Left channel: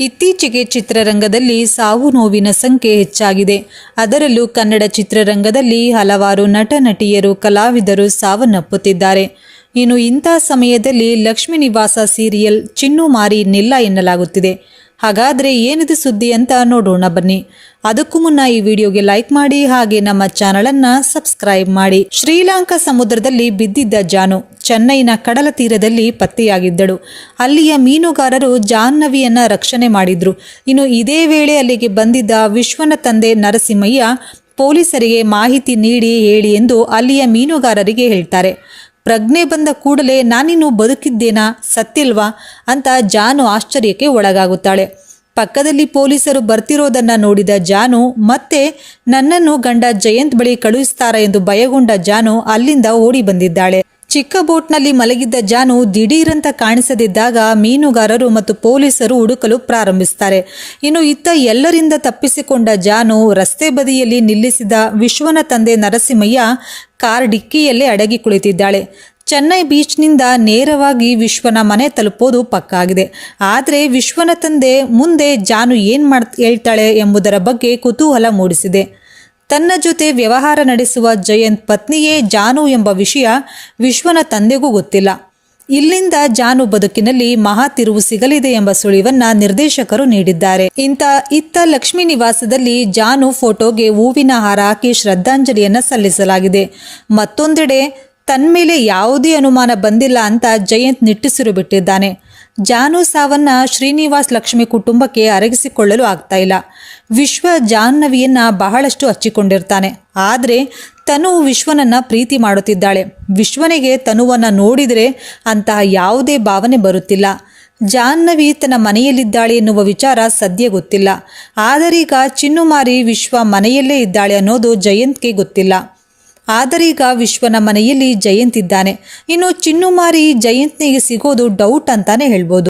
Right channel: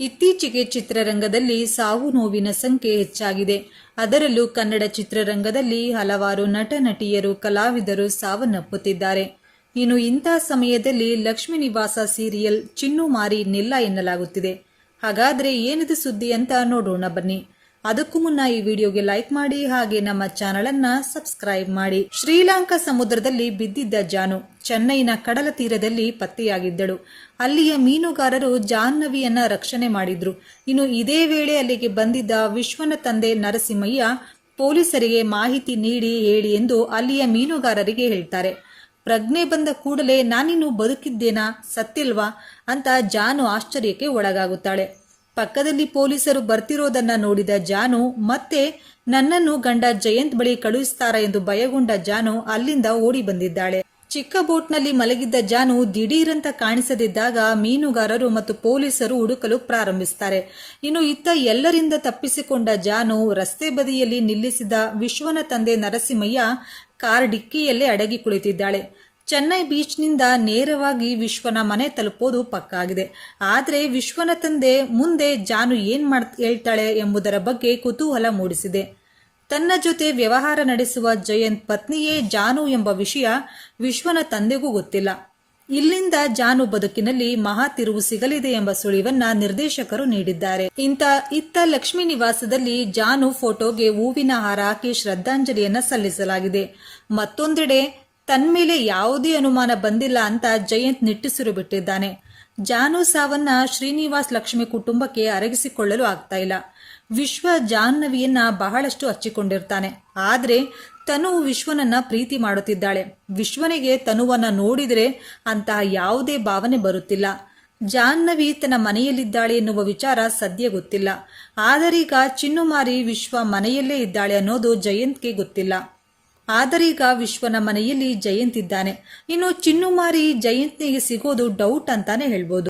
ಇತ್ತೀಚೆಗೆ ಚಿತ್ರರಂಗದಲ್ಲಿ ಸಾವು ನೋವಿನ ಸಂಖ್ಯೆ ಹೆಚ್ಚಾಗಿದೆ. ಅದರಲ್ಲೂ ಕನ್ನಡ ಚಿತ್ರರಂಗದಲ್ಲಿ ಹಲವಾರು ನಟ ನಟಿಯರು ಕಲಾವಿದರು ಸಾವನ್ನಪ್ಪುತ್ತಿದ್ದಾರೆ. ಇನ್ನು ಇಂಥ ಸಮಯದಲ್ಲಿ ಲಕ್ಷ್ಮೀ ನಿವಾಸ ಸೀರಿಯಲ್ ಚಿನ್ನು ಮಾರಿ ನಿಲ್ಲ ಎನ್ನಲಾಗುತ್ತಿದೆ. ಹಾಗಾದರೆ ಏನಿದು ಸುದ್ದಿ ಅಂತ ನೋಡೋಣ ಬನ್ನಿ. ಅದಕ್ಕೂ ಮುನ್ನ ಈ ವಿಡಿಯೋಗೆ ಲೈಕ್ ಮಾಡಿ ಹಾಗೆ ನಮ್ಮ ಚಾನಲನ್ನು ಸಬ್ಸ್ಕ್ರೈಬ್ ಮಾಡಿ. ಶ್ರೀಲಂಕಾ ಸಮುದ್ರದಲ್ಲಿ ಬಿದ್ದಿದ್ದ ಜಾನು ಚೆನ್ನೈನ ಕಡಲ ತೀರದಲ್ಲಿ ಪತ್ತೆಯಾಗಿದ್ದಳು. ಅಲ್ಲಿಯ ಮೀನುಗಾರರು ಜಾಹ್ನವಿಯನ್ನ ರಕ್ಷಣೆ ಮಾಡಿದ್ರು. ಇನ್ನು ಇದೇ ವೇಳೆ ಅಲ್ಲಿಗೆ ಬಂದಿದ್ದ ವಿಶ್ವನ ತಂದೆ ನರಸಿಂಹಯ್ಯ ಪೊಲೀಸರಿಗೆ ಮಾಹಿತಿ ನೀಡಿ ಹೇಳಿ ಎಂದು ಅಲ್ಲಿಯ ಮೀನುಗಾರರಿಗೆ ಹೇಳ್ತಾರೆ. ಪ್ರಜ್ಞೆ ಬಂದ ಕೂಡಲೇ ನಾನಿನ್ನು ಬದುಕಿದ್ದೇನಾ? ಸತ್ತಿಲ್ವಾ ಅಂತ ಜಾನು ಆಶ್ಚರ್ಯಕ್ಕೆ ಒಳಗಾಗುತ್ತಾಳೆ. ಪಕ್ಕದಲ್ಲಿ ಪೊಲೀಸರು ಬರ್ತಿರೋದನ್ನ ನೋಡಿದ ಜಾನು, ಮತ್ತೆ ನನ್ನನ್ನು ಗಂಡ ಜಯಂತ್ ಬಳಿ ಕಳುಹಿಸ್ತಾರ ಎಂದು ಭಯಗೊಂಡ ಜಾನು ಅಲ್ಲಿಂದ ಓಡಿ ಬಂದಿದ್ದಾಳೆ. ಚಿಕ್ಕ ಬೋಟ್ನಲ್ಲಿ ಮಲಗಿದ್ದ ಜಾನು ದಿಢೀರಂತ ಕಾಣಿಸದಿದ್ದಾಗ ಮೀನುಗಾರರು ಮತ್ತು ಪೊಲೀಸರು ಹುಡುಕಲು ಪ್ರಾರಂಭಿಸ್ತಾರೆ. ಇನ್ನು ಇತ್ತ ಎಲ್ಲರಿಂದ ತಪ್ಪಿಸಿಕೊಂಡ ಜಾನು ರಸ್ತೆ ಬದಿಯಲ್ಲಿ ನಿಲ್ಲಿಸಿದ ವಿಶ್ವನ ತಂದೆ ನರಸಿಂಹಯ್ಯ ಕಾರ್ ಡಿಕ್ಕಿಯಲ್ಲೇ ಅಡಗಿ ಕುಳಿತಿದ್ದಾಳೆ. ಚೆನ್ನೈ ಬೀಚ್ನಿಂದ ನೇರವಾಗಿ ವಿಶ್ವನ ಮನೆ ತಲುಪೋದು ಪಕ್ಕಾಗಿದೆ. ಆದರೆ ವಿಶ್ವನ ತಂದೆ ಮುಂದೆ ಜಾನು ಏನು ಮಾಡ್ ಹೇಳ್ತಾಳೆ ಎಂಬುದರ ಬಗ್ಗೆ ಕುತೂಹಲ ಮೂಡಿಸಿದೆ. ತನ್ನ ಜೊತೆ ವ್ಯವಹಾರ ನಡೆಸುವ ಜಯಂತ್ ಪತ್ನಿಯೇ ಜಾನು ಎಂಬ ವಿಷಯ ವಿಶ್ವನ ತಂದೆಗೂ ಗೊತ್ತಿಲ್ಲ. ಇಲ್ಲಿಂದ ಜಾನು ಬದುಕಿನಲ್ಲಿ ಮಹಾ ತಿರುವು ಸಿಗಲಿದೆ ಎಂಬ ಸುಳಿವನ್ನ ನಿರ್ದೇಶಕರು ನೀಡಿದ್ದಾರೆ. ಇಂಥ ಇತ್ತ ಲಕ್ಷ್ಮಿ ನಿವಾಸದಲ್ಲಿ ಜಾನು ಫೋಟೋಗೆ ಹೂವಿನ ಹಾರ ಹಾಕಿ ಶ್ರದ್ಧಾಂಜಲಿಯನ್ನ ಸಲ್ಲಿಸಲಾಗಿದೆ. ಮತ್ತೊಂದೆಡೆ, ತನ್ಮೇಲೆ ಯಾವುದೇ ಅನುಮಾನ ಬಂದಿಲ್ಲ ಅಂತ ಜಯಂತ್ ನಿಟ್ಟುಸಿರು ಬಿಟ್ಟಿದ್ದಾನೆ. ಜಾನು ಸಾವನ್ನ ಶ್ರೀನಿವಾಸ್ ಲಕ್ಷ್ಮಿ ಕುಟುಂಬಕ್ಕೆ ಅರಗಿಸಿಕೊಳ್ಳಲು ಆಗ್ತಾ ಇಲ್ಲ. ವಿಶ್ವ ಜಾಹ್ನವಿಯನ್ನ ಬಹಳಷ್ಟು ಹಚ್ಚಿಕೊಂಡಿರ್ತಾನೆ. ಆದರೆ ತನು ವಿಶ್ವನನ್ನ ಪ್ರೀತಿ ಮಾಡುತ್ತಿದ್ದಾಳೆ. ವಿಶ್ವನಿಗೆ ತನುವನ್ನ ನೋಡಿದರೆ ಅಂತಹ ಯಾವುದೇ ಭಾವನೆ ಬರುತ್ತಿಲ್ಲ. ಜಾಹ್ನವಿ ತನ್ನ ಮನೆಯಲ್ಲಿದ್ದಾಳೆ ಎನ್ನುವ ವಿಚಾರ ಸದ್ಯ ಗೊತ್ತಿಲ್ಲ. ಆದರೀಗ ಚಿನ್ನುಮಾರಿ ವಿಶ್ವ ಮನೆಯಲ್ಲೇ ಇದ್ದಾಳೆ ಅನ್ನೋದು ಜಯಂತ್ಗೆ ಗೊತ್ತಿಲ್ಲ. ಆದರೀಗ ವಿಶ್ವನ ಮನೆಯಲ್ಲಿ ಜಯಂತ್ ಇದ್ದಾನೆ ಇನ್ನು ಚಿನ್ನುಮಾರಿ ಜಯಂತ್ನಿಗೆ ಸಿಗೋದು ಡೌಟ್ ಅಂತಾನೆ ಹೇಳ್ಬೋದು.